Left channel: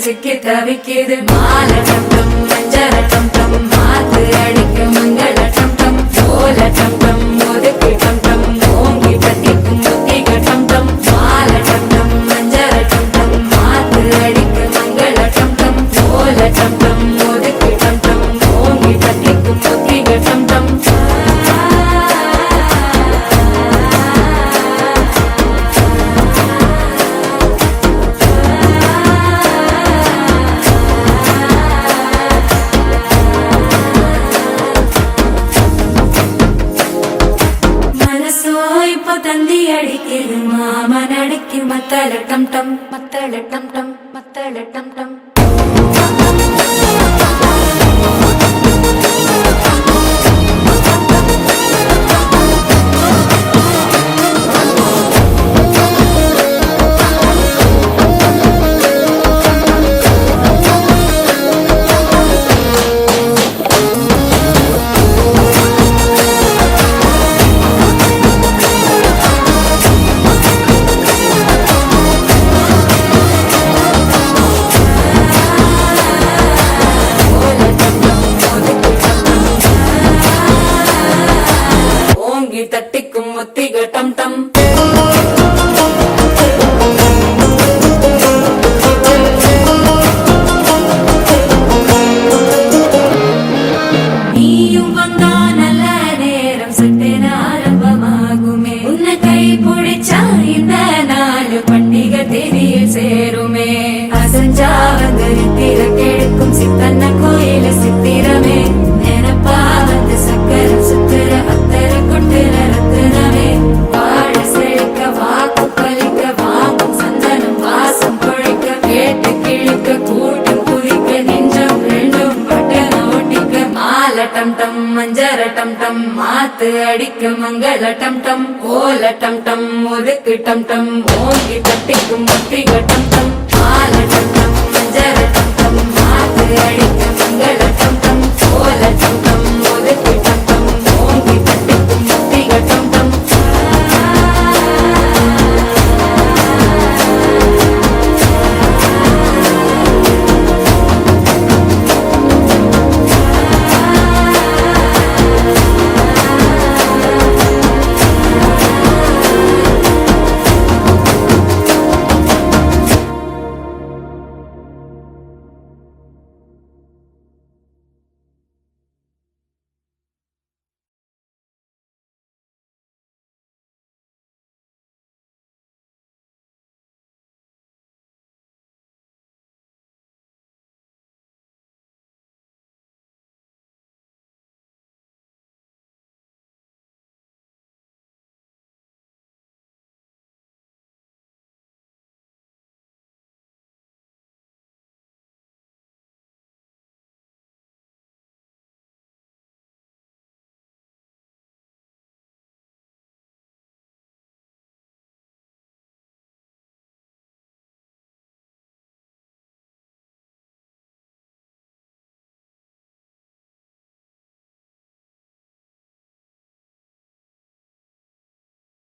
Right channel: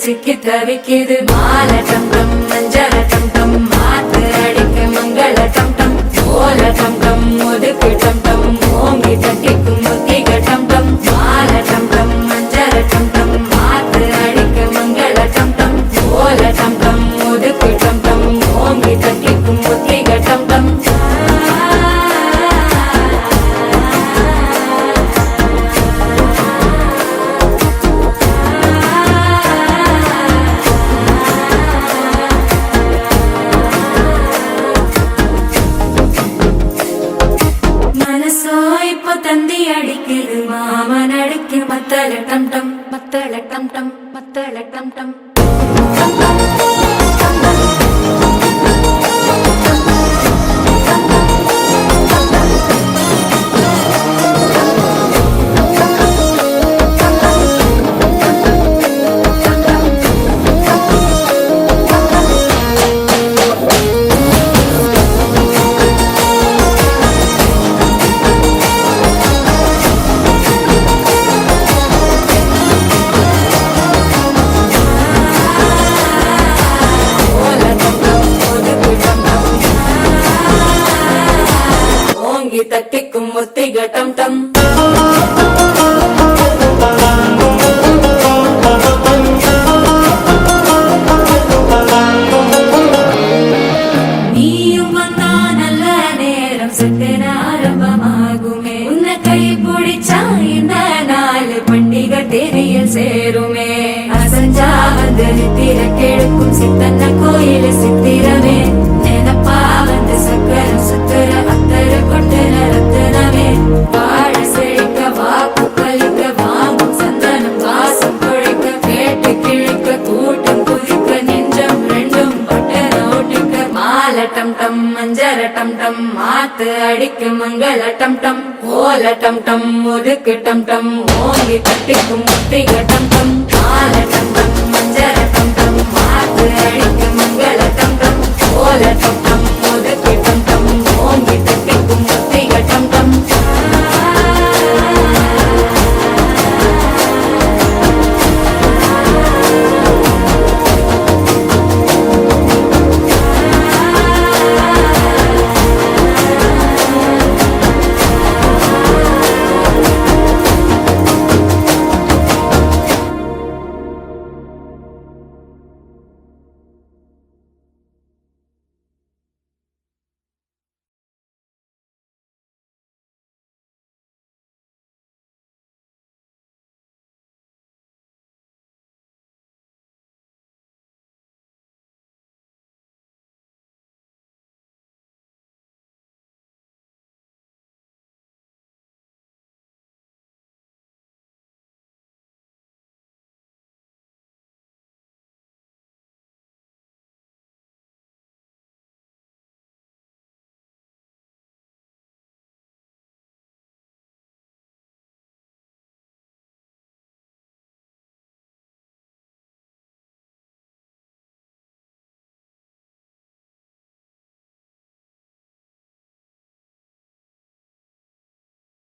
சிக்கி தவிக்குது மால டம் டம் மஞ்சள டம் டம் மாத்து அடிக்க மங்கள டம் டம் ஓல டம் டம் ஒதுக்கு டம் டம் ஓங்கி தட்டிக்கும் புத்திக டம் டம் மால டம் டம் மஞ்சள டம் டம் மாத்து அடிக்க மங்கள டம் டம் ஓல டம் டம் ஒதுக்கு டம் டம் ஓங்கி தட்டிக்கும் புத்திக டம் டம் தந்தி அடிக்குது மாமன் அடிக்கி மத்தள டம் டம் மத்தள டம் டம் மத்தள டம் டம் தட்டிக்கும் முத்திக டம் டம் நீயும் வந்தா நல்ல நேரம் சட்டென ஆரம்பமாகுமே உன்னை கை பிடிச்சா இந்த நாள் பண்டிகை தேதியில் சேருமே அசஞ்சா வந்து நித்திர கெடுக்கும் சித்தன்ன கோயில சித்திரமே நினப்பா வந்து சக்கரம் சுத்துற டம் டம் மஞ்சர டம் டம் மாத்து அடிக்க மங்கள டம் டம் ஓல டம் டம் ஒதுக்கு டம் டம் ஓங்கி தட்டிக்கும் முத்திக டம் டம் மால டம் டம் மஞ்சர டம்